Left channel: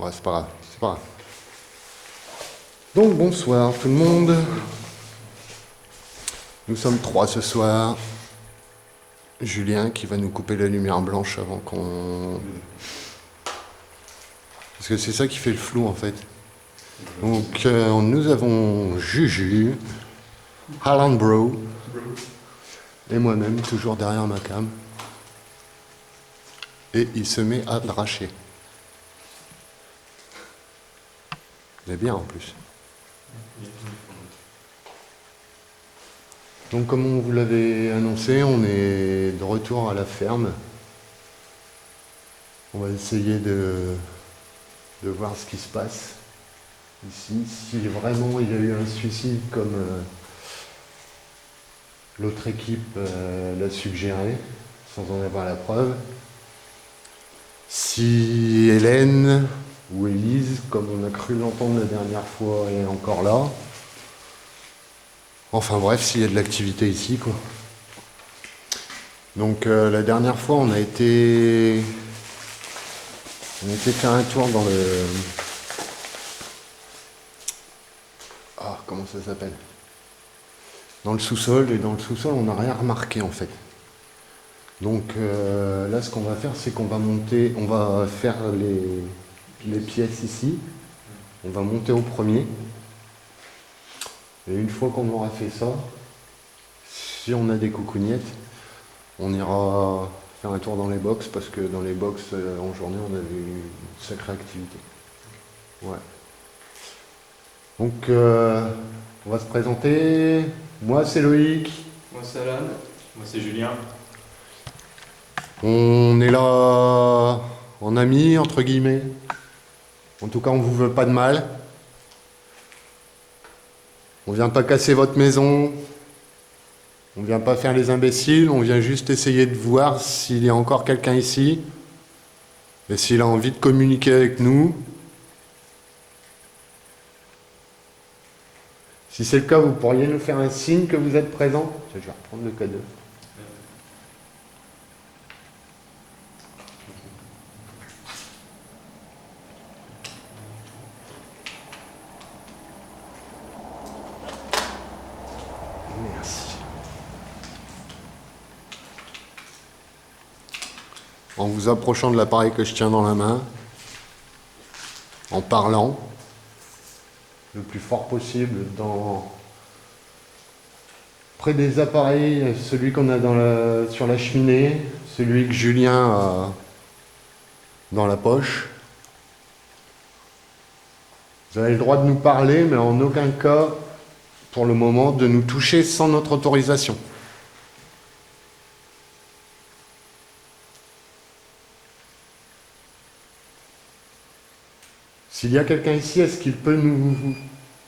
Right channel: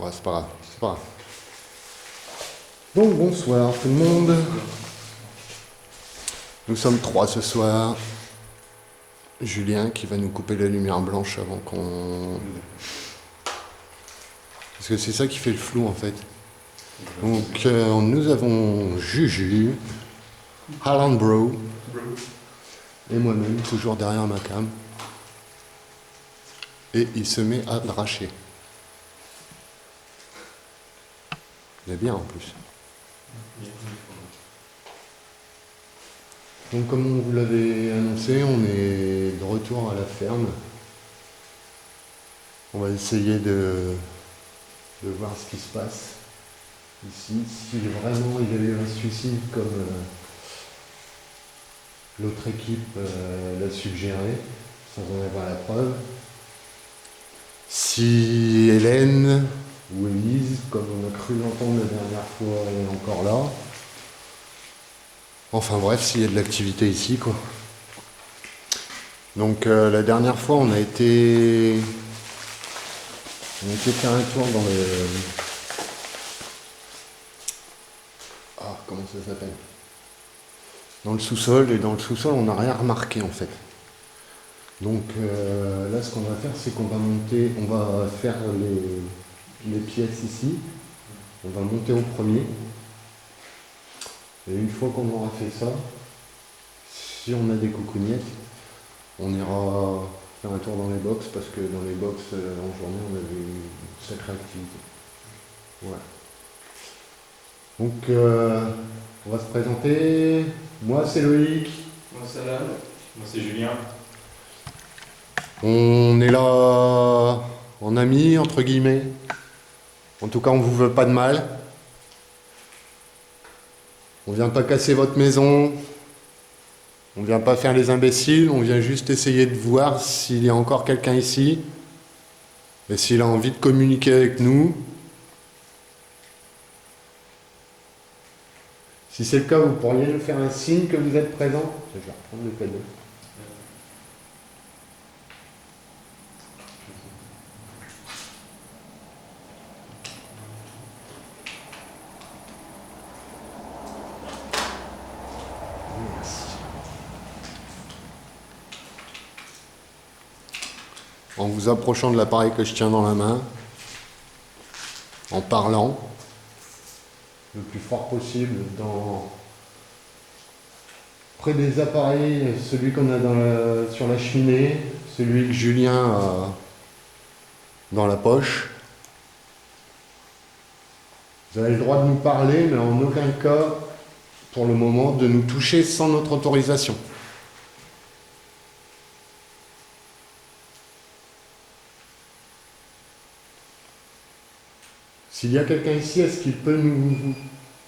Ouais, c'est pas grave, c'est pas grave. Donc bonsoir tout le monde. Nous sommes 3 ce soir. Julien qui va nous couper la lumière blanche avant qu'on... Parce que c'est ça qui fait le flou en fait. Donc nous avons Juju, Alan Bro et moi-même toujours derrière ma cam. Et il se met à dracher. Il est bien en plus. Donc comme on vous l'avait annoncé, on est de retour à la ferme. On va essayer de voir ce qui se passe ici. Si vraiment il y a eu un suicide comme l'autre équipe l'a suggéré, sans en avoir la preuve. Si Hélène ou Élise, comme on a cru l'entendre la dernière fois, est encore là. Enfin bref, s'il y a de l'activité ici, quoi. Donc la dernière fois, on a été faire un tour dans le... Ah, comment ça s'appelle? Dans le sous-sol, et dans le sous-sol, on n'a rien remarqué en fait. Donc là, ce qu'on va faire, c'est qu'on va monter, on va faire les pièces ici. On va monter au premier. Et une fois qu'on aura fait ça, si on a des coucougnettes, on ira faire un tour dans les box, parce que dans les box, en journée, on avait une sacrée activité. Ouais. Donc, on va se présenter. Moi, c'est Loïc. Moi, c'est Alan. Moi, c'est Julien. On est là en amis, entre guillemets. En tout cas, on vous veut pas de mal. On vient pas casser votre maison. On vient pas faire les imbéciles. On vient juste essayer de voir s'il y a encore quelqu'un ici. Et s'il a envie de communiquer avec nous. Si c'est le cas, vous pourriez nous faire un signe que vous êtes présent. Je vais reprendre le cadeau. Merci. En vous approchant de l'appareil que je tiens dans la main, en parlant le plus fort possible près des appareils, celui qu'on a sur la cheminée, celui que Julien a dans la poche. Vous avez le droit de nous parler, mais en aucun cas, pour le moment, de nous toucher sans notre autorisation. S'il y a quelqu'un ici, est-ce qu'il peut nous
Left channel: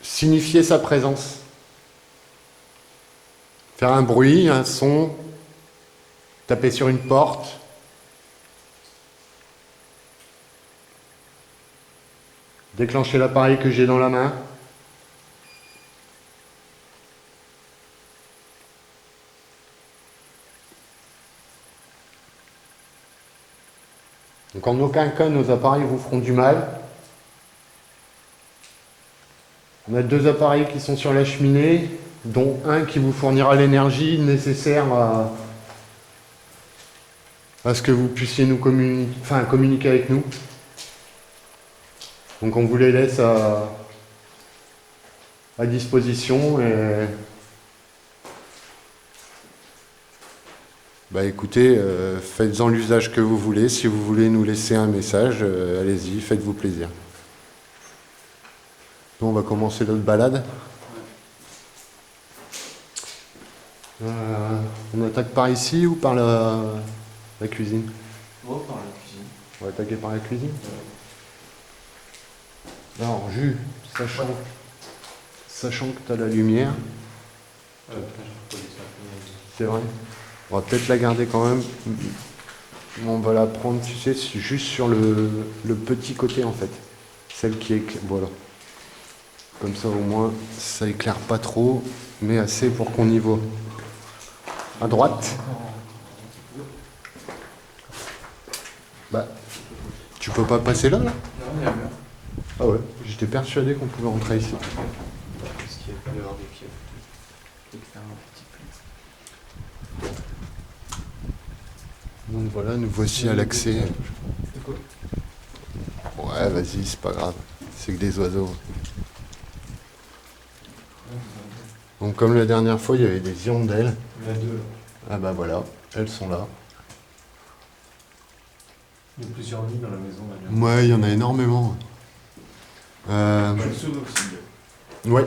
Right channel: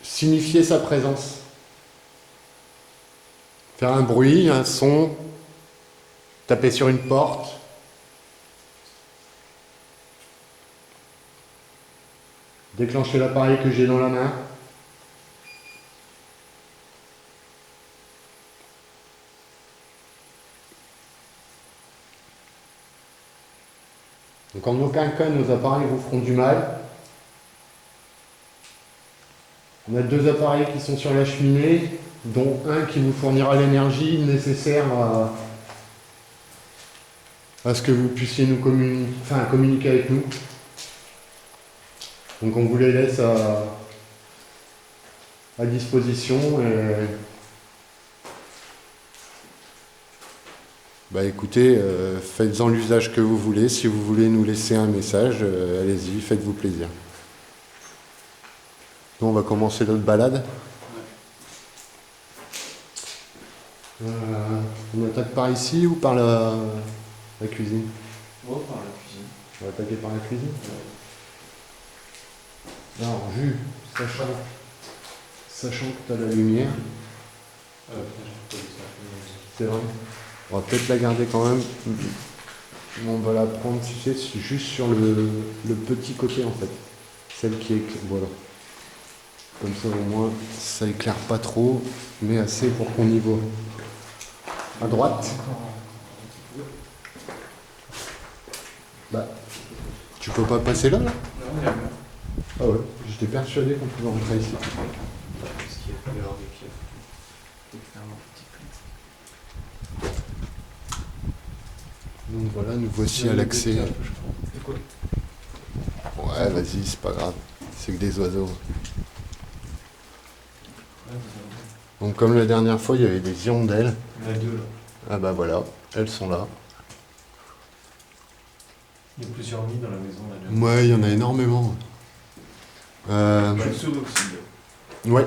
signifier sa présence? Faire un bruit, un son, taper sur une porte. Déclencher l'appareil que j'ai dans la main. Donc en aucun cas, nos appareils vous feront du mal. On a 2 appareils qui sont sur la cheminée, dont un qui vous fournira l'énergie nécessaire à ce que vous puissiez nous communiquer avec nous. Donc on vous les laisse à disposition. Et... Bah écoutez, faites-en l'usage que vous voulez. Si vous voulez nous laisser un message, allez-y, faites-vous plaisir. Nous, on va commencer notre balade. On attaque par ici ou par la cuisine? Oh, par la cuisine. On va attaquer par la cuisine. Alors, Jus, sachant que tu as la lumière, c'est vrai, on va peut-être la garder quand même. On va la prendre, tu sais, juste sur le petit côté en fait. Celle qui est... Voilà. Comme ça, au moins, ça éclaire pas trop, mais assez pour qu'on y voit. À droite. Bah, tu peux pas passer là, là? Non. fermé la mur. Ah ouais, j'étais persuadé qu'on pouvait rentrer ici. Parce qu'il y a dehors des pieds. Il est fermé en petit peu. Donc voilà, nous voici à l'accès. Et quoi? Ouais, vas-y, c'est pas grave. C'est que des oiseaux. Donc comme la dernière fois, il y avait des hirondelles. Il y en a deux là. Ah bah voilà, elles sont là. Il y a plusieurs nids dans la maison là. Ouais, il y en a énormément. Une souris aussi. Ouais.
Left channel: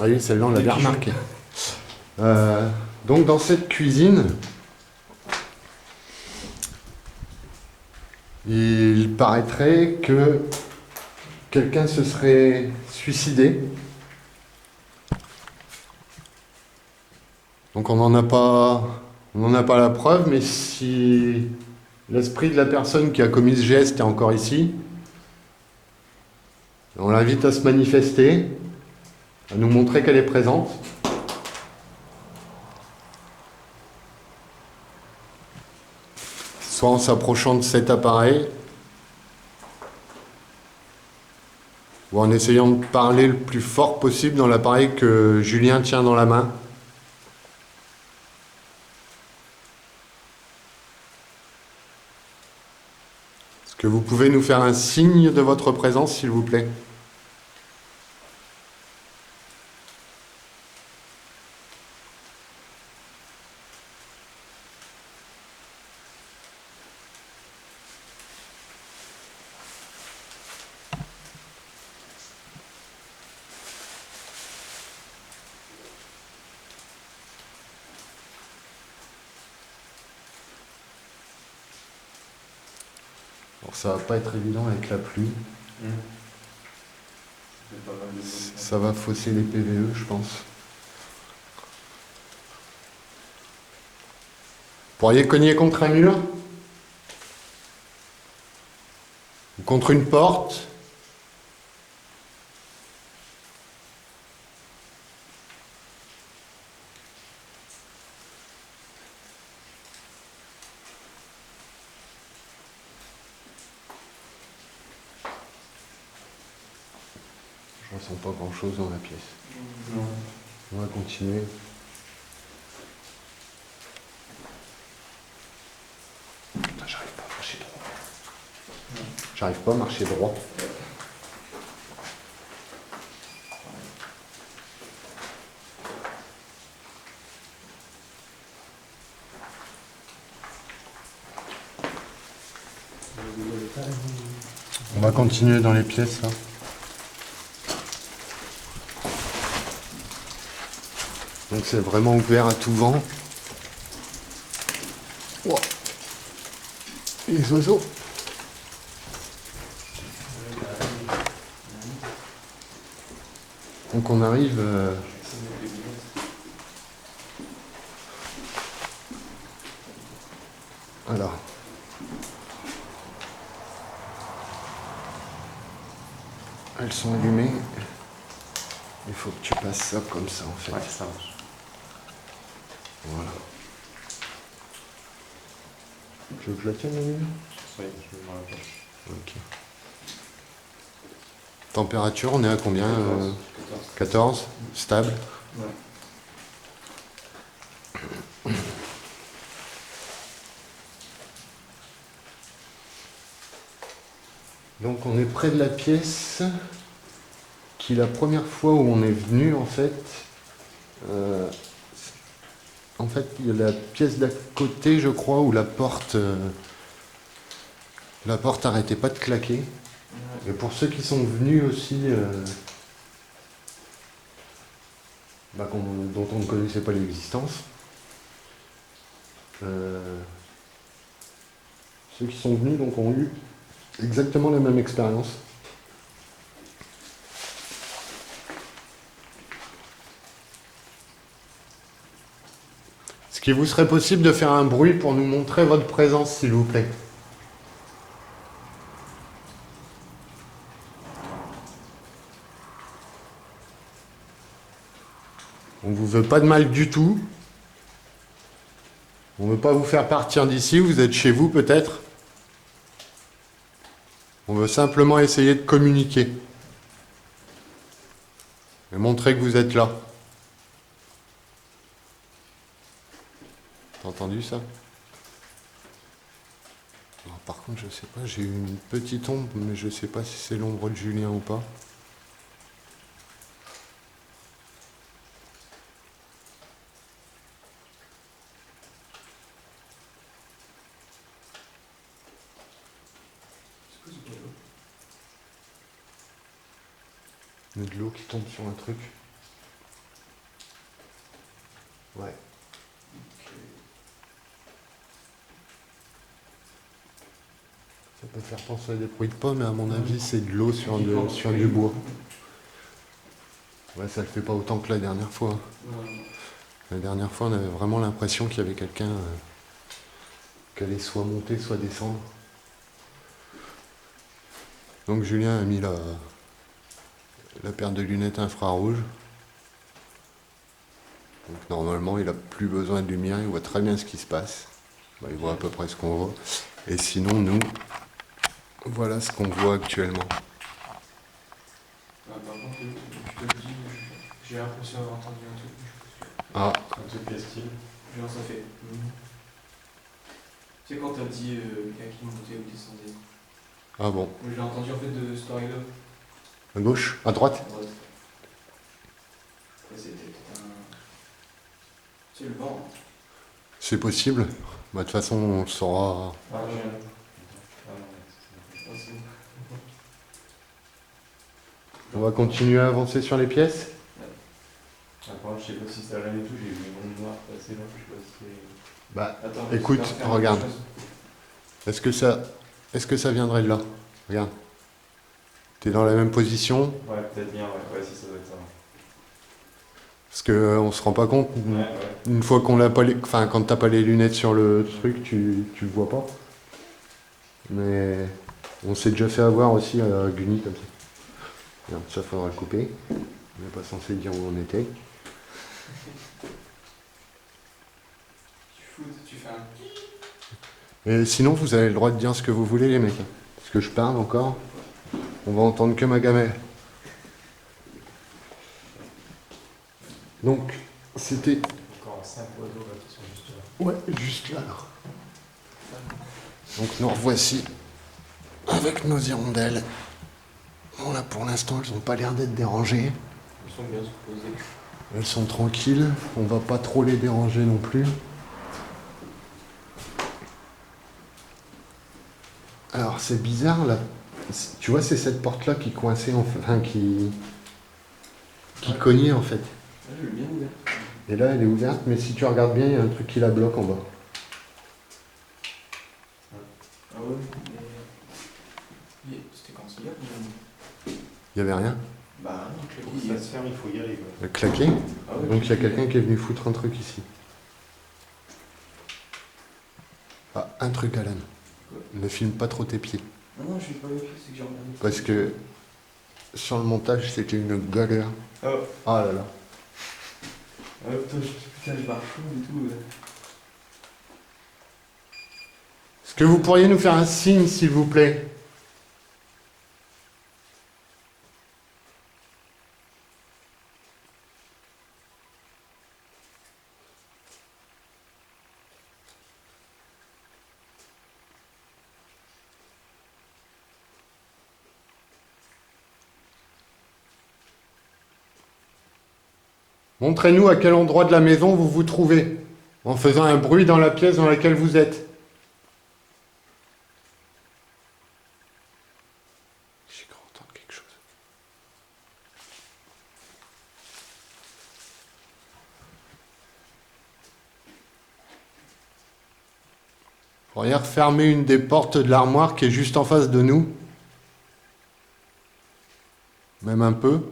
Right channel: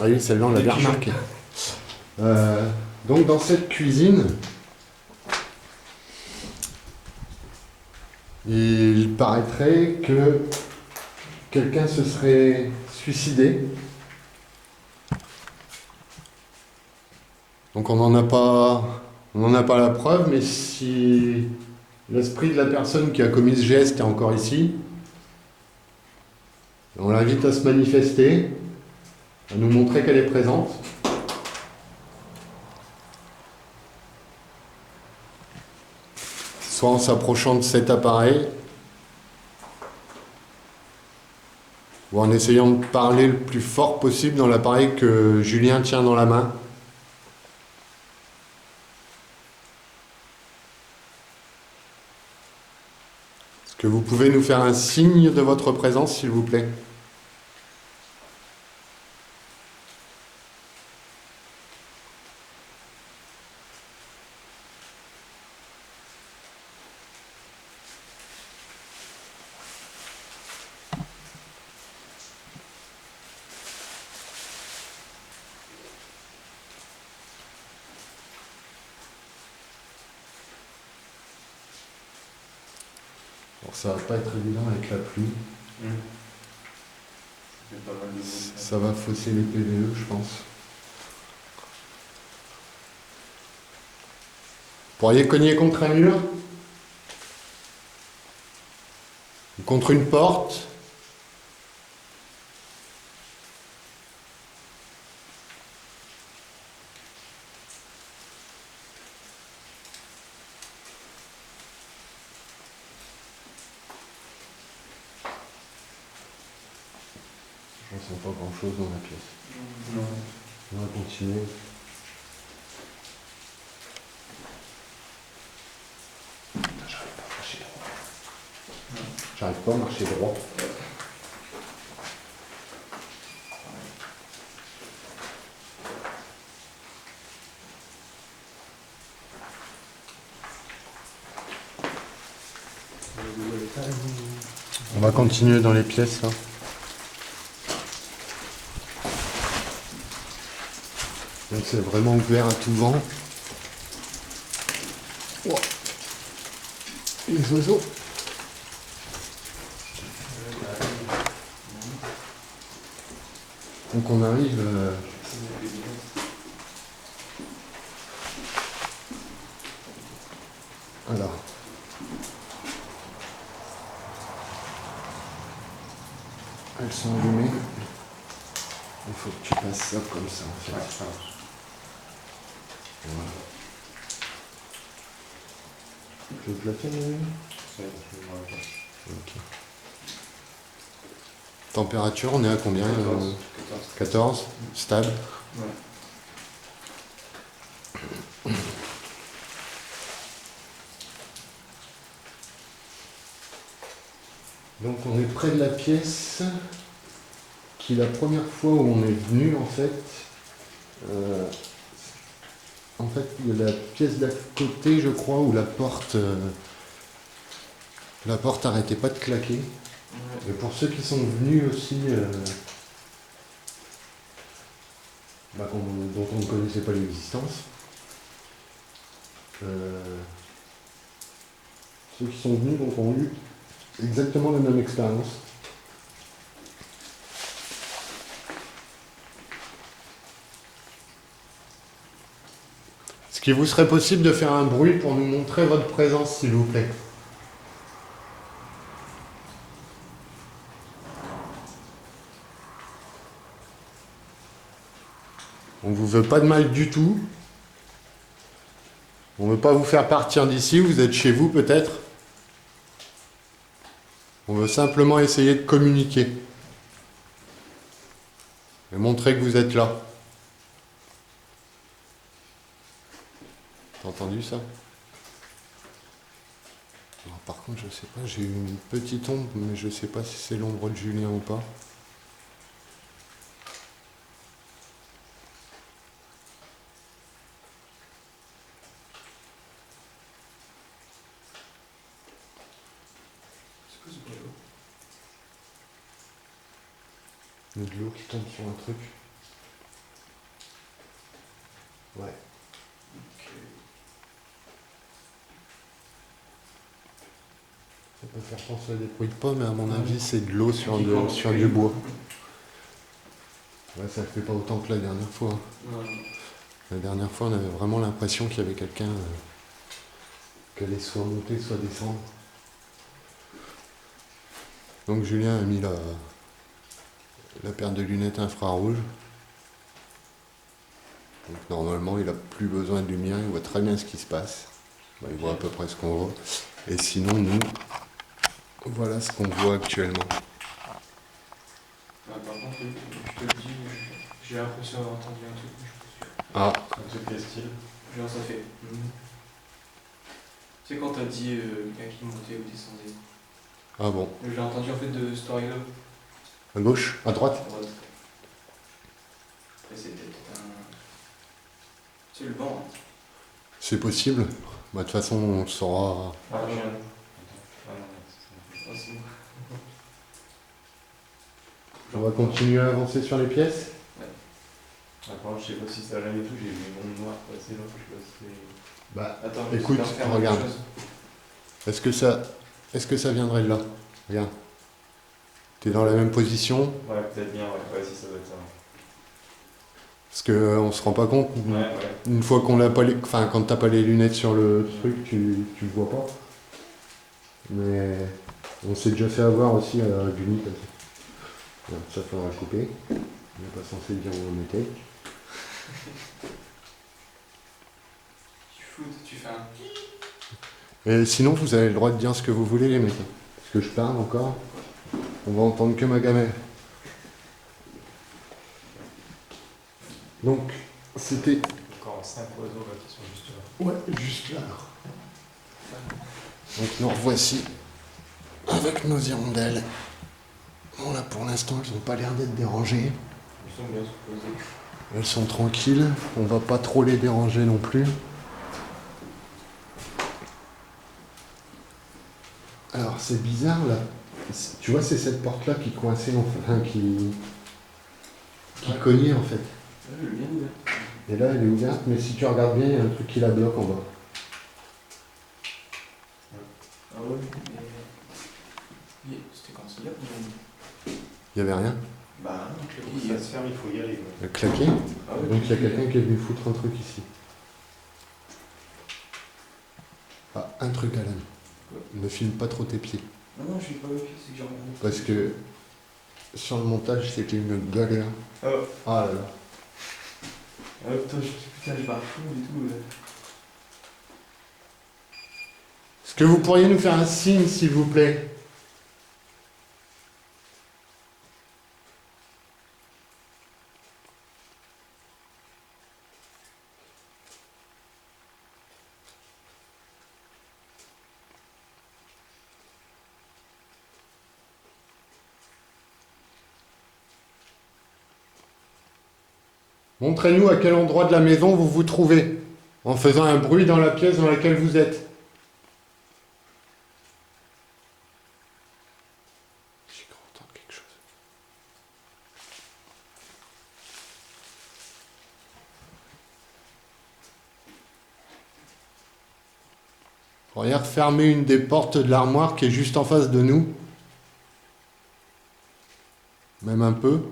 Ah oui, celle-là, on l'a bien remarqué. Donc dans cette cuisine, il paraîtrait que quelqu'un se serait suicidé. Donc on n'en a pas la preuve, mais si l'esprit de la personne qui a commis ce geste est encore ici, on l'invite à se manifester, à nous montrer qu'elle est présente. Soit en s'approchant de cet appareil, ou en essayant de parler le plus fort possible dans l'appareil que Julien tient dans la main. Est-ce que vous pouvez nous faire un signe de votre présence, s'il vous plaît ? Alors ça va pas être évident avec la pluie. Pas mal de Ça va fausser les PVE, je pense. Vous pourriez cogner contre un mur ? Ou contre une porte ? Je ressens pas grand chose dans la pièce. Non. On va continuer. Putain, j'arrive pas à marcher droit. J'arrive pas à marcher droit. On va continuer dans les pièces là. Donc c'est vraiment ouvert à tout vent. Oh. Les oiseaux. Donc on arrive. Alors. Elles sont allumées. Il faut que tu passes ça comme ça en fait. Ouais, ça marche. Voilà. Tu veux que je la tienne la lumière ? Oui, je vais voir la place. Ok. Température, on est à combien 14. 14 stable. Ouais. Donc on est près de la pièce qui la première fois où on est venu en fait il y a la pièce d'à côté je crois où la porte arrêtait pas de claquer. Et pour ceux qui sont venus aussi dont on ne connaissait pas l'existence, ceux qui sont venus donc ont eu exactement la même expérience. Est-ce qu'il vous serait possible de faire un bruit pour nous montrer votre présence, s'il vous plaît ? On ne vous veut pas de mal du tout. On ne veut pas vous faire partir d'ici, vous êtes chez vous peut-être. On veut simplement essayer de communiquer. Et montrer que vous êtes là. T'as entendu ça? Alors, par contre, je sais pas, j'ai eu une petite ombre, mais je sais pas si c'est l'ombre de Julien ou pas. C'est quoi ce bruit là? Il y a de l'eau qui tombe sur un truc. Ouais. Ok. Ça peut faire penser à des bruits de pas, mais à mon avis, c'est de l'eau sur du bois. Ouais, ça le fait pas autant que la dernière fois. Hein. Non, non. La dernière fois, on avait vraiment l'impression qu'il y avait quelqu'un qui allait soit monter, soit descendre. Donc Julien a mis la paire de lunettes infrarouges. Donc normalement, il n'a plus besoin de lumière, il voit très bien ce qui se passe. Bah, il voit à peu près ce qu'on voit. Et sinon, nous, voilà ce qu'on voit actuellement. Ah, par contre, je te le dis, j'ai l'impression d'avoir entendu un truc, mais je suis pas sûr. Ah, Un truc quel style? Genre ça fait. Tu sais quand t'as dit quelqu'un qui montait ou descendait. ah bon. J'ai entendu en fait de cette oreille-là. À gauche, à droite. À droite. Après c'était peut-être un. C'est le vent. Hein. C'est possible. Bah, de toute façon, on le saura. Ah, je- non. Ah, non, c'est Ah, c'est bon. On va continuer à avancer sur les pièces. Ah, par contre, je sais pas si ça allait et tout, j'ai vu une onde noire passer là, je sais pas si c'est. Bah, Attends, écoute, j'espère faire regarde. quelque chose. Est-ce que ça viendrait de là? Regarde. T'es dans la même position, Ouais, peut-être bien, ouais, si ça doit être ça. parce que on se rend pas compte. Ouais. Une fois qu'on l'a pas les... Enfin, quand t'as pas les lunettes sur le truc, tu le vois pas. Mais on s'est déjà fait avoir aussi à Guni comme ça. Regarde, ça faudra le couper. On n'est pas censé dire où on était. Tu fous, tu fais un. Et sinon, vous avez le droit de dire ce que vous voulez, les mecs. Parce que je parle encore. On va entendre que ma gamelle. Donc, c'était... Encore 5 oiseaux là qui sont juste là. Ouais, juste là. Donc nous revoici avec nos hirondelles. Bon là pour l'instant elles n'ont pas l'air d'être dérangées. Ils sont bien supposés. Elles sont tranquilles, on va pas trop les déranger non plus. Alors c'est bizarre là. Tu vois c'est cette porte là qui coinçait, enfin qui cognait en fait. Ah, je l'ai bien ouvert. Et là elle est ouverte, mais si tu regardes bien, il y a un truc qui la bloque en bas. Ah ouais, mais. C'était quand c'est hier qu'on a mis. Il y avait rien. Bah non, je Pour l'ai que dit. ça se ferme, il faut y aller. Quoi. Elle claquait. Ah ouais, Donc il y a quelqu'un qui est venu foutre un truc ici. Ah, un truc Alan. Quoi? Ne filme pas trop tes pieds. Non, non, je suis pas vérifié, c'est que j'ai regardé. Parce que sur le montage, c'était une galère. Oh. Ah là là. Ah putain, je barre fou et tout. Est-ce que vous pourriez nous faire un signe, s'il vous plaît? Montrez-nous à quel endroit de la maison vous vous trouvez, en faisant un bruit dans la pièce dans laquelle vous êtes. J'ai cru entendre quelque chose. Vous pourriez refermer une des portes de l'armoire qui est juste en face de nous. Même un peu.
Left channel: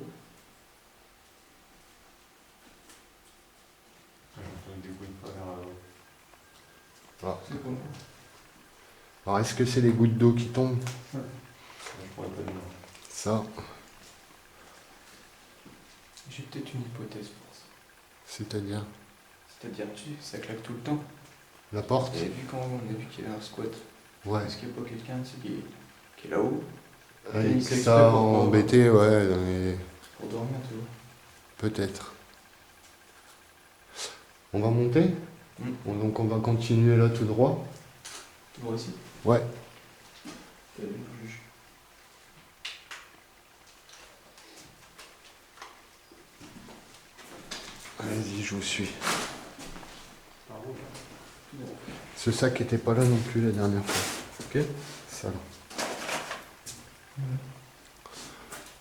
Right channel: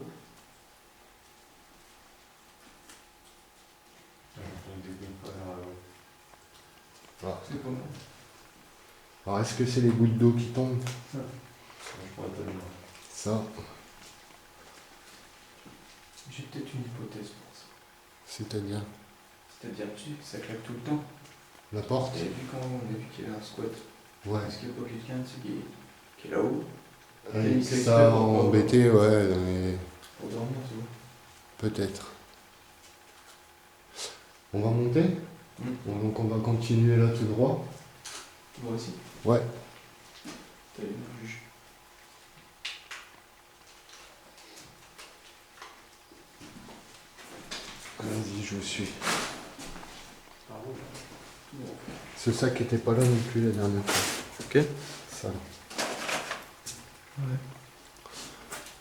J'entends des bruits de pas vers là-haut. Ah. C'est comment? Alors est-ce que c'est les gouttes d'eau qui tombent? Je pourrais pas dire. Ça, J'ai peut-être une hypothèse pour ça. c'est-à-dire C'est-à-dire, tu sais, ça claque tout le temps. la porte? Et vu quand on a vu qu'il y avait un squat, Ouais. est-ce qu'il n'y a pas quelqu'un tu sais, qui est là-haut Avec c'est ça exprès pour embêté, ouais, pour dormir, tu vois. peut-être. On va monter? Donc on va continuer là tout droit? Moi aussi. Ouais. T'as une heure, juge. Vas-y, je vous suis. Par où, là? Tout droit. Ce sac était pas là non plus la dernière fois. Ok? Ça là. Ouais.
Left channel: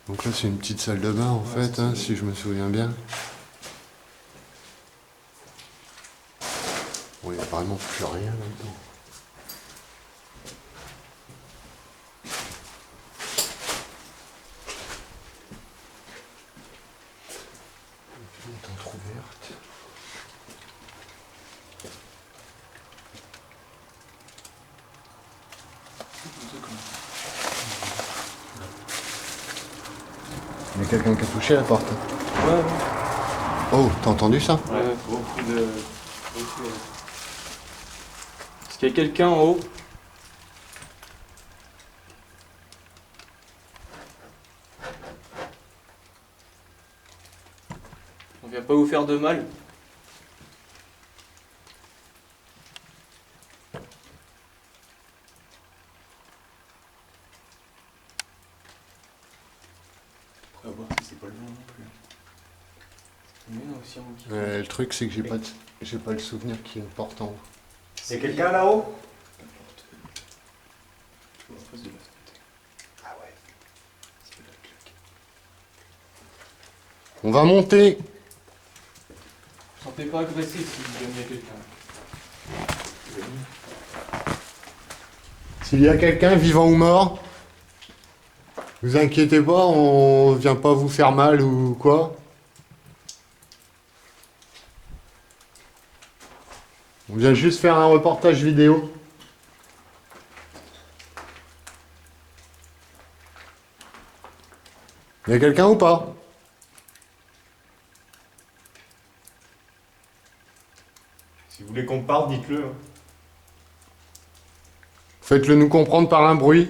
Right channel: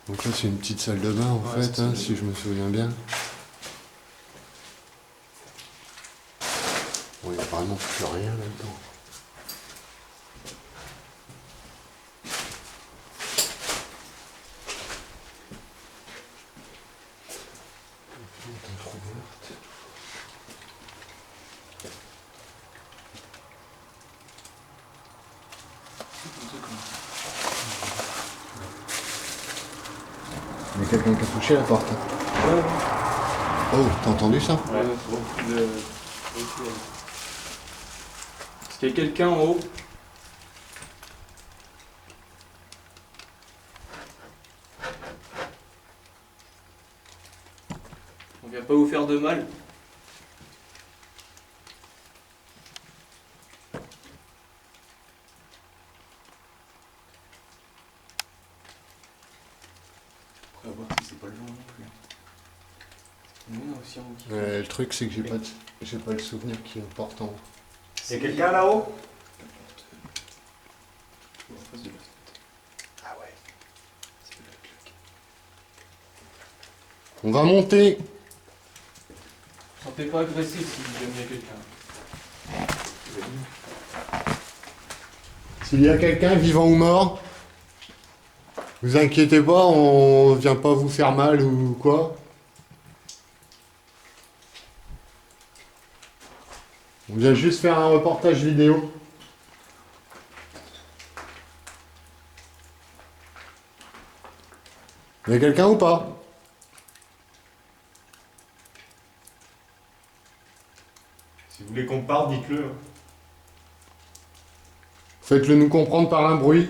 Donc là c'est une petite salle de bain en Ouais, fait, c'est hein, ça. si je me souviens bien. Bon, il n'y a vraiment plus rien là-dedans. La fenêtre entrouverte. Il y a quelqu'un qui a touché la porte. Ouais, Oh, t'as entendu ça? ouais. Beaucoup de... Est-ce qu'il y a quelqu'un en haut? On vient pas vous faire de mal. Après, à voir si c'est pas le genre non plus. Il y en a aussi en haut qui Le truc c'est que j'ai pas le souvenir qu'il y ait une porte en haut. Y'a quelqu'un là-haut? La porte. En face de la fenêtre. Ah ouais. C'est la claque. On va monter. Sentez pas agressé si jamais il y a quelqu'un. S'il y a quelqu'un vivant ou mort, vous inquiétez pas, on vient pas vous faire mal ou quoi. On vient juste faire un reportage vidéo. Il y a quelqu'un ou pas? Si vous voulez qu'on parte, dites-le. Hein. Faites-le nous comprendre par un bruit.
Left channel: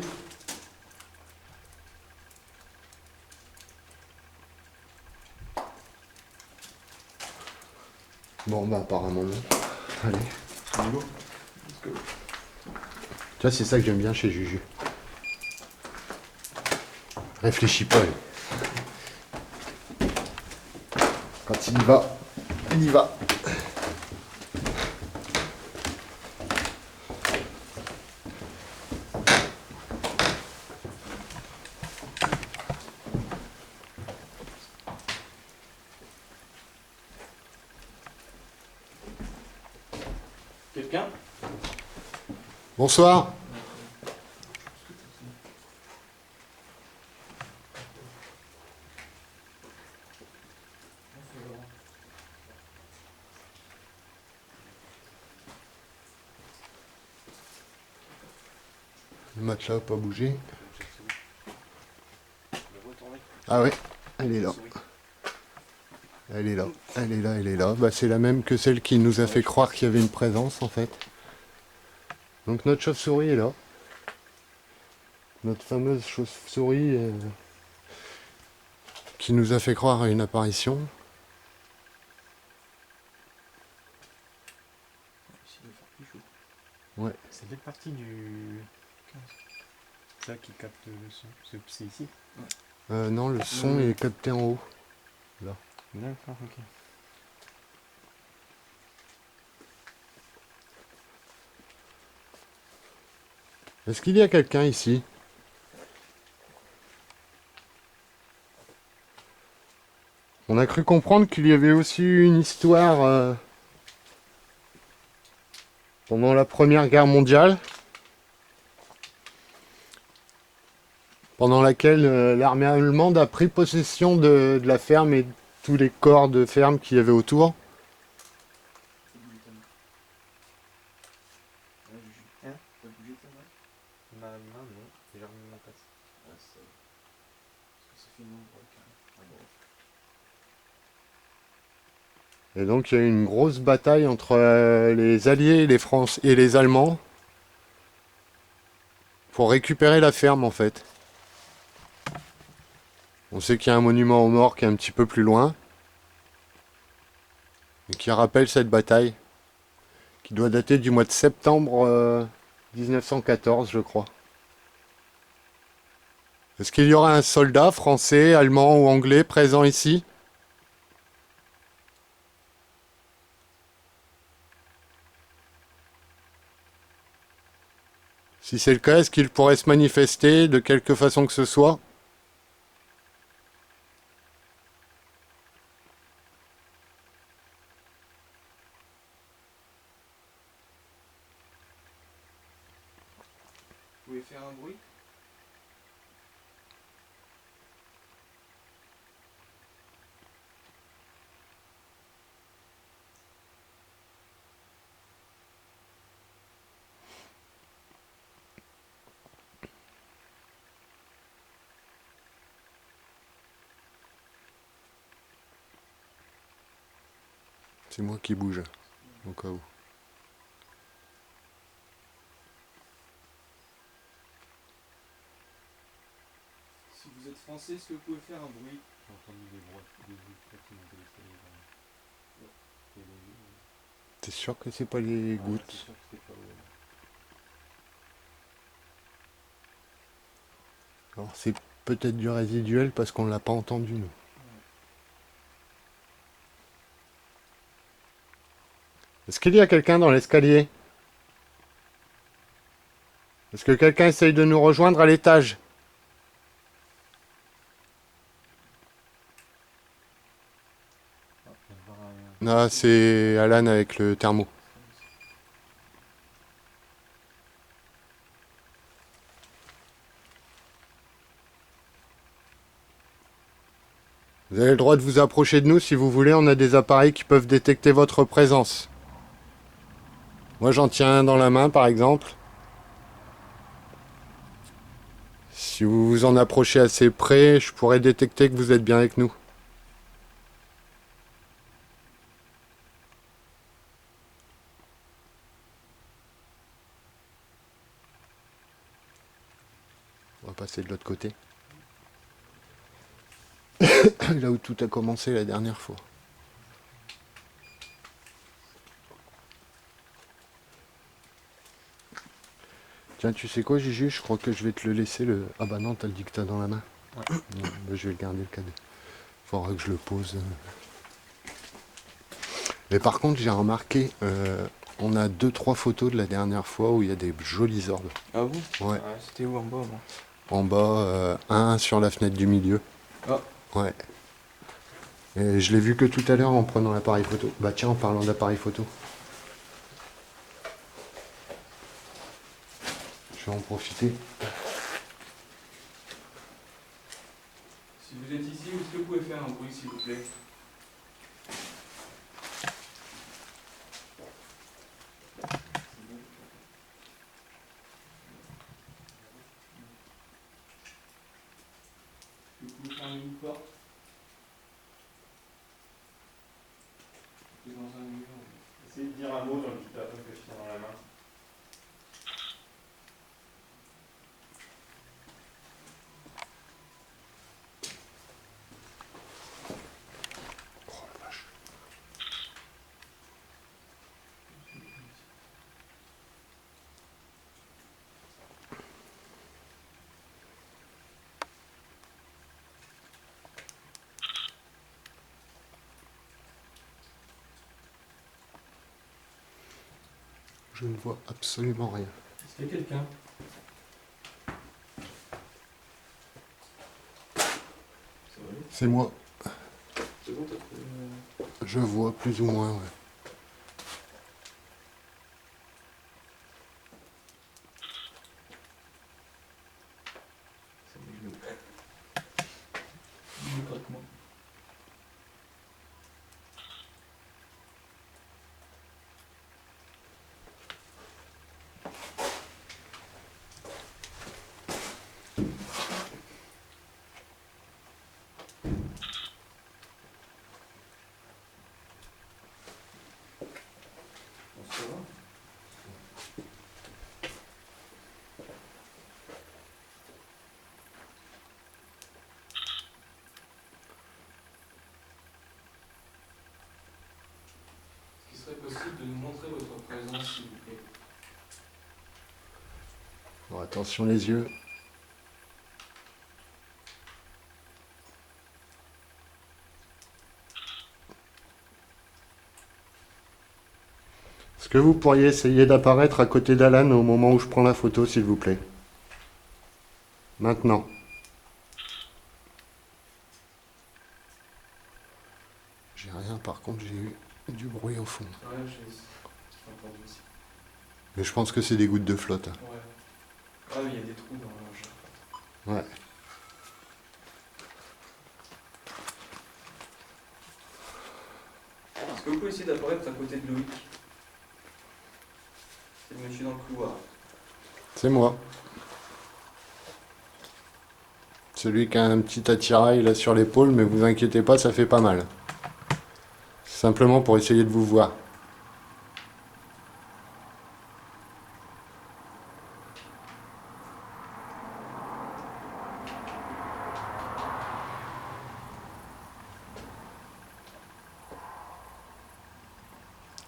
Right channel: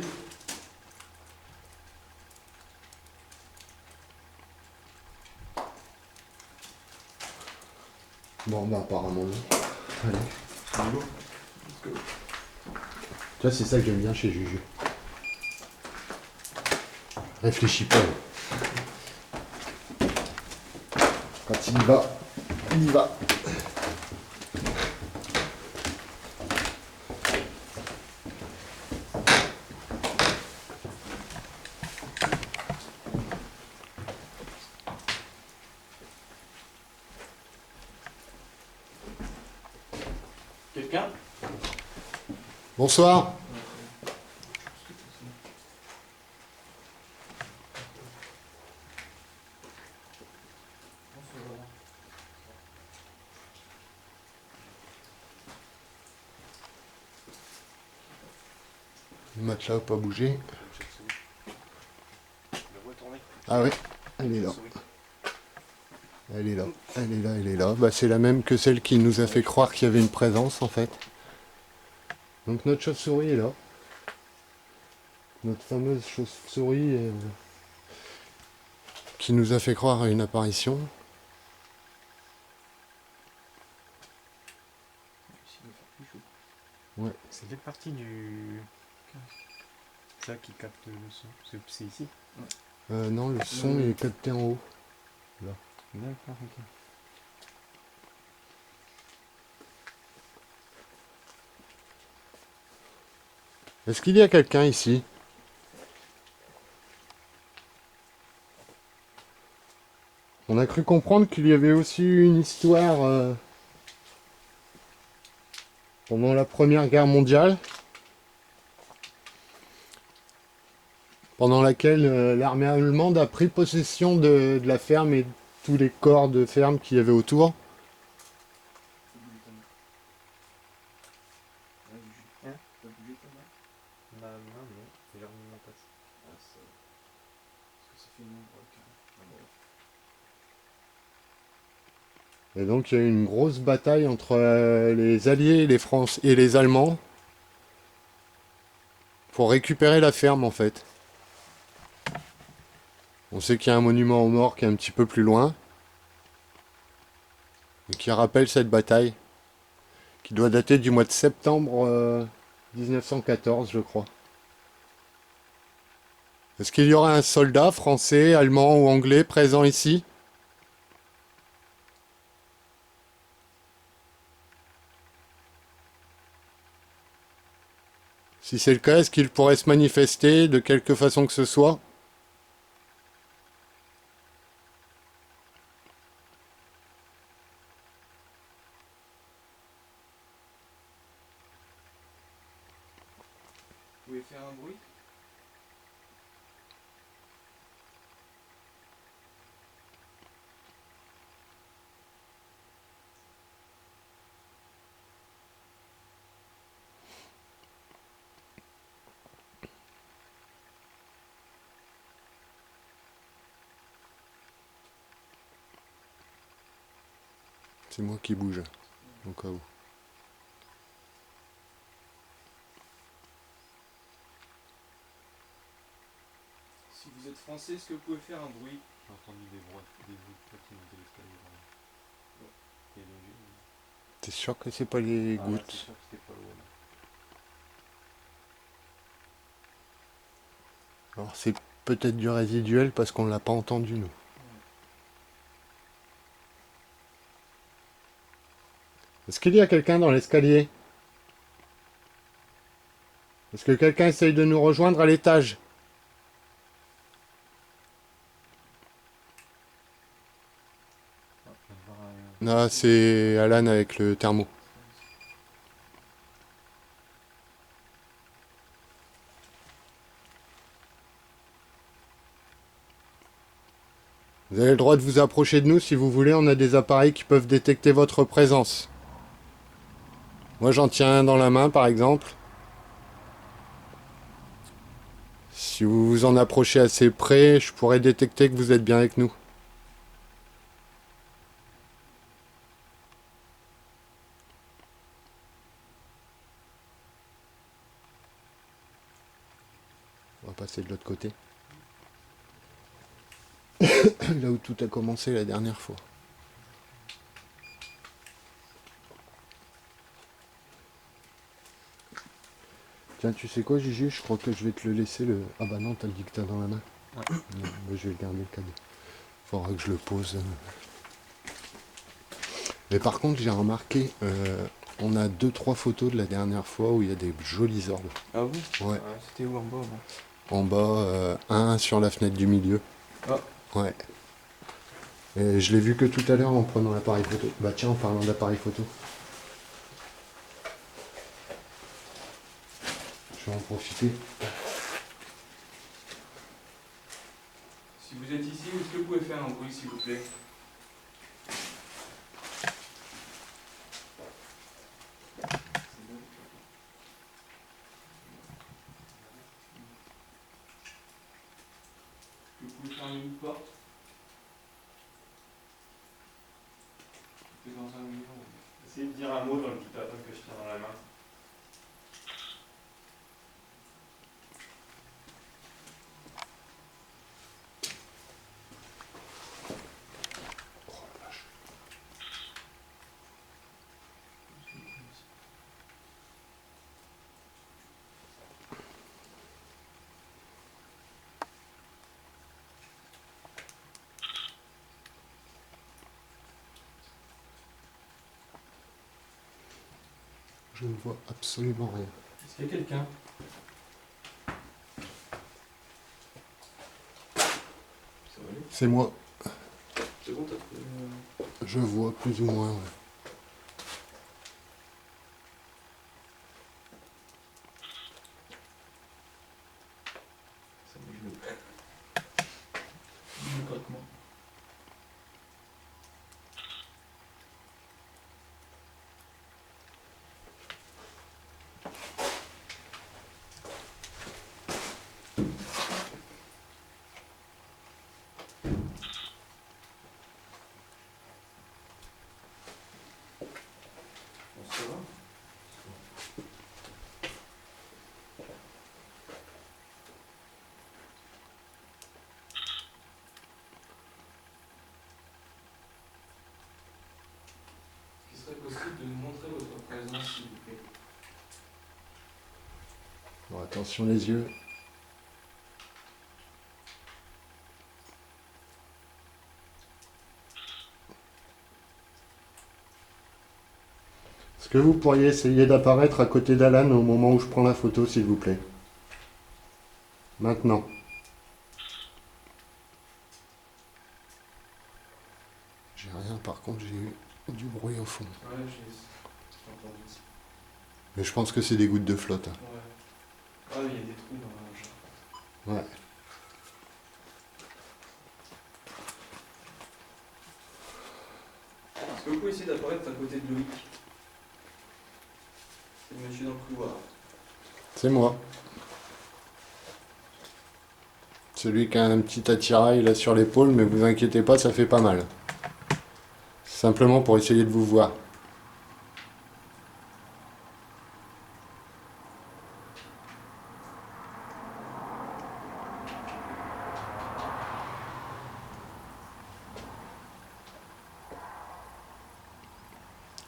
Bon, bah apparemment non. Allez. Tu vois, c'est ça que j'aime bien chez Juju. Réfléchis pas. lui. Quand il y va, il y va. Quelqu'un? Bonsoir. Le matelas n'a pas bougé. Ah ouais, elle est là. Elle est là, elle est là, elle est là. Bah, c'est la même que celle qui nous a fait croire qu'il y avait une présence en fait. Donc notre chauve-souris est là. Notre fameuse chauve-souris qui nous a fait croire à une apparition. Ici, il doit faire plus chaud. Ouais. C'est quelle partie du. Ça qui capte le son? C'est ici? Non, le son est capté en haut. D'accord, ok. Est-ce qu'il y a quelqu'un ici? On a cru comprendre qu'il y avait aussi eu une histoire pendant la Première Guerre mondiale, pendant laquelle l'armée allemande a pris possession de la ferme et de tous les corps de ferme qu'il y avait autour. Fais bouger ta main. Là, Juju. Hein? Fais bouger ta main. Ma main, non. J'ai remis mon casque. Ah, ça va. Parce que ça fait une ombre avec un bord. Et donc il y a eu une grosse bataille entre les Alliés, les Français et les Allemands pour récupérer la ferme en fait. On sait qu'il y a un monument aux morts qui est un petit peu plus loin. Et qui rappelle cette bataille. Qui doit dater du mois de septembre 1914, je crois. Est-ce qu'il y aura un soldat français, allemand ou anglais présent ici? Si c'est le cas, est-ce qu'il pourrait se manifester de quelque façon que ce soit? Vous pouvez faire un bruit? C'est moi qui bouge, au cas où. Si vous êtes français, est-ce que vous pouvez faire un bruit? J'ai entendu des bruits de pas qui montaient l'escalier par là. Oh. C'était léger. T'es sûr que c'est pas les Ah, là, c'est gouttes? sûr que c'était pas l'eau. Là. Alors c'est peut-être du résiduel parce qu'on l'a pas entendu nous. Est-ce qu'il y a quelqu'un dans l'escalier? Est-ce que quelqu'un essaye de nous rejoindre à l'étage? Ah, je viens de voir un... Non, c'est Alan avec le thermo. Vous avez le droit de vous approcher de nous si vous voulez, on a des appareils qui peuvent détecter votre présence. Moi j'en tiens un dans la main par exemple. Si vous vous en approchez assez près, je pourrais détecter que vous êtes bien avec nous. On va passer de l'autre côté. Là où tout a commencé la dernière fois. Tiens, tu sais quoi, Gigi? Je crois que je vais te le laisser le. Ah bah non, t'as le dictat dans la main. Ouais. Non, bah je vais le garder le cadeau. Faudra que je le pose. Mais par contre, j'ai remarqué, on a 2-3 photos de la dernière fois où il y a des jolis orbes. Ah bon? Ouais. C'était où en bas, moi? En bas, un sur la fenêtre du milieu. Ah. Ouais. Et je l'ai vu que tout à l'heure en prenant l'appareil photo. Bah tiens, en parlant d'appareil photo. Je vais en profiter. Si vous êtes ici, est-ce que vous pouvez faire un bruit, s'il vous plaît? Est-ce que vous pouvez fermer une porte? Dans un mur. Essayez de dire un mot dans le dictaphone que je tiens dans la main. Oh la vache. Je ne vois absolument rien. Est-ce qu'il y a quelqu'un? Ça va aller? C'est moi. C'est bon, t'as trouvé Je vois plus ou moins, ouais. C'est mes genoux. Je me craque moi. Bon, ça va? attention les yeux. Est-ce que vous pourriez essayer d'apparaître à côté d'Alan au moment où je prends la photo, s'il vous plaît? Maintenant. J'ai rien, par contre, j'ai eu du bruit au fond. Ouais, j'ai entendu aussi. Mais je pense que c'est des gouttes de flotte. Ouais. Ah, il y a des trous dans la jambe. Ouais. Est-ce que vous pouvez essayer d'apparaître à côté de Loïc? C'est le monsieur dans le couloir. C'est moi. Celui qui a un petit attirail là sur l'épaule, mais vous inquiétez pas, ça fait pas mal. Simplement pour essayer de vous voir.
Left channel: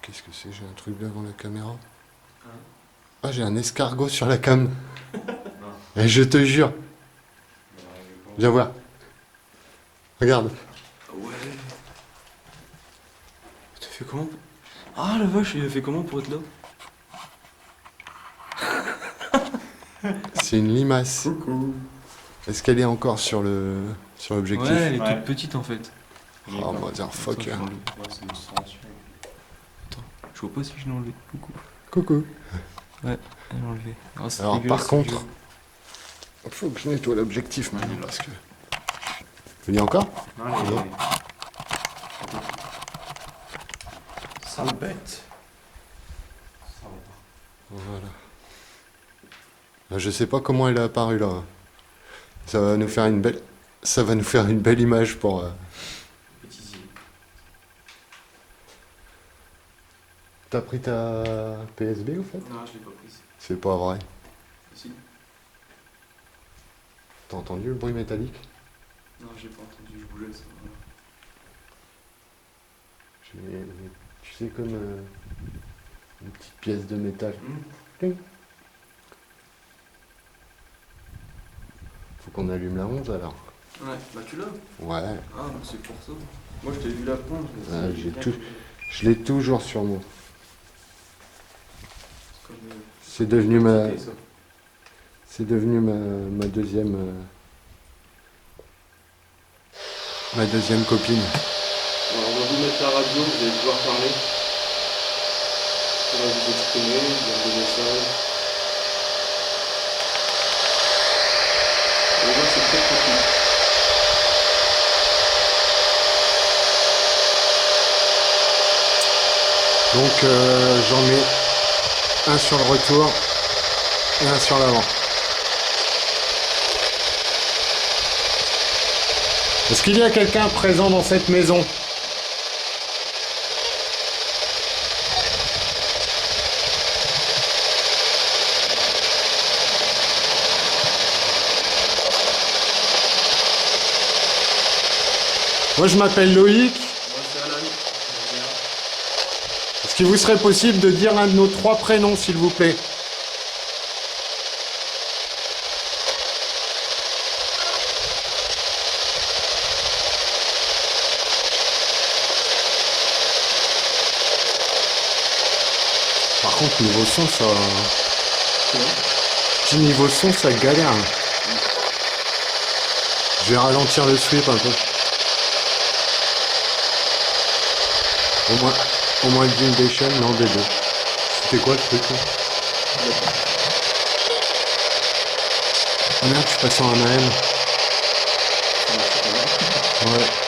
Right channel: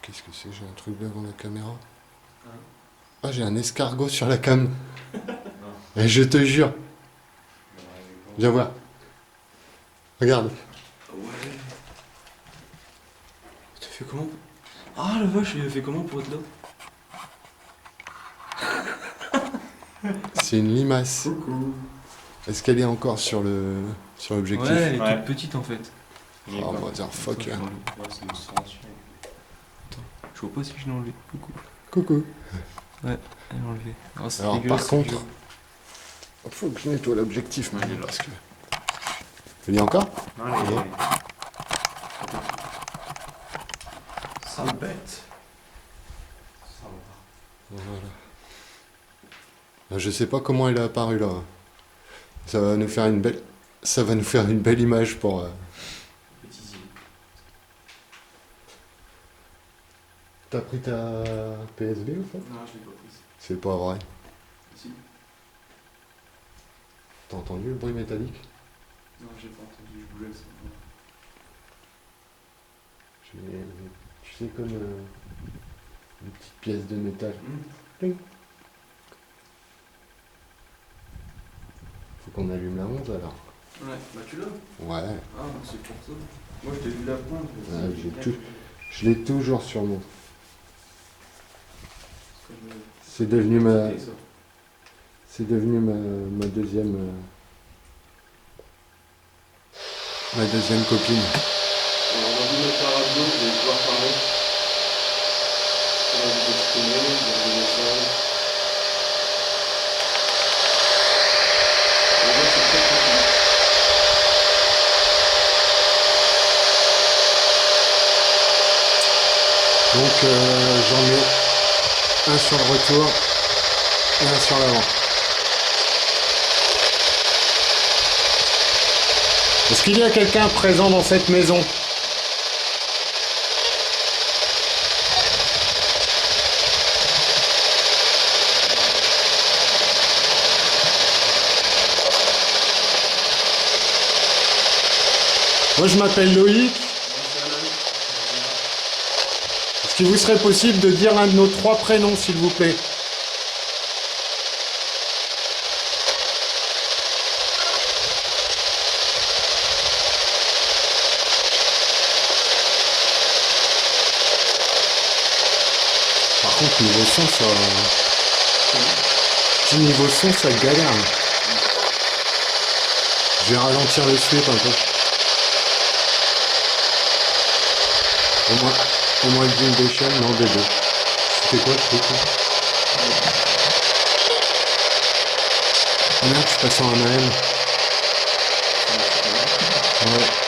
Qu'est-ce que c'est? J'ai un truc devant la caméra. Hein? Ah, j'ai un escargot sur la cam. Et je te jure. Viens voir. Regarde. Ouais. T'as fait comment? Ah la vache, il a fait comment pour être là? C'est une limace. Coucou. Est-ce qu'elle est encore sur l'objectif? Ouais, elle est Ouais. toute petite en fait. Oh, motherfucker. Attends, je l'ai enlevé. Ouais, c'est une extension. Je vois pas si je l'ai enlevé. Coucou. Coucou. Elle est enlevée. Ah, c'est Alors, dégueulasse, par ce contre, vieux. il faut que je nettoie l'objectif maintenant Ouais. parce que. Il y a encore? Non, Non. Sale bête. Ça va pas. Voilà. Je sais pas comment elle est apparue là. Ça va nous faire une belle image pour. Bêtisier. T'as pris ta PSB ou fait? Non, je l'ai pas prise. C'est pas vrai. Si. T'as entendu le bruit métallique? Non, j'ai pas entendu, je bougeais ça. Voilà. Tu sais, comme une petite pièce de métal. Cling. Faut qu'on allume la 11 alors. Ouais, bah tu l'as. Ouais, Ah, donc c'est pour ça. Moi je t'ai vu la pointe. je me Ah, suis dit, j'ai bien tout- que- je l'ai toujours sur moi. Comme, C'est devenu ma, c'était ça. c'est devenu ma deuxième, copine. Alors, on va vous mettre la radio, vous allez pouvoir parler. On va vous exprimer, dire des messages. Et là, c'est très tranquille. Donc j'en mets un sur le retour et un sur l'avant. Est-ce qu'il y a quelqu'un présent dans cette maison? Moi je m'appelle Loïc. Moi, c'est Alan. Est-ce qu'il vous serait possible de dire un de nos 3 prénoms s'il vous plaît? Par contre niveau son ça... Petit niveau son ça galère. Je vais ralentir le sweep un peu. Au moins d'une des chaînes, non des deux. C'était quoi le truc là? Ah merde, je suis passé en AM. Ouais.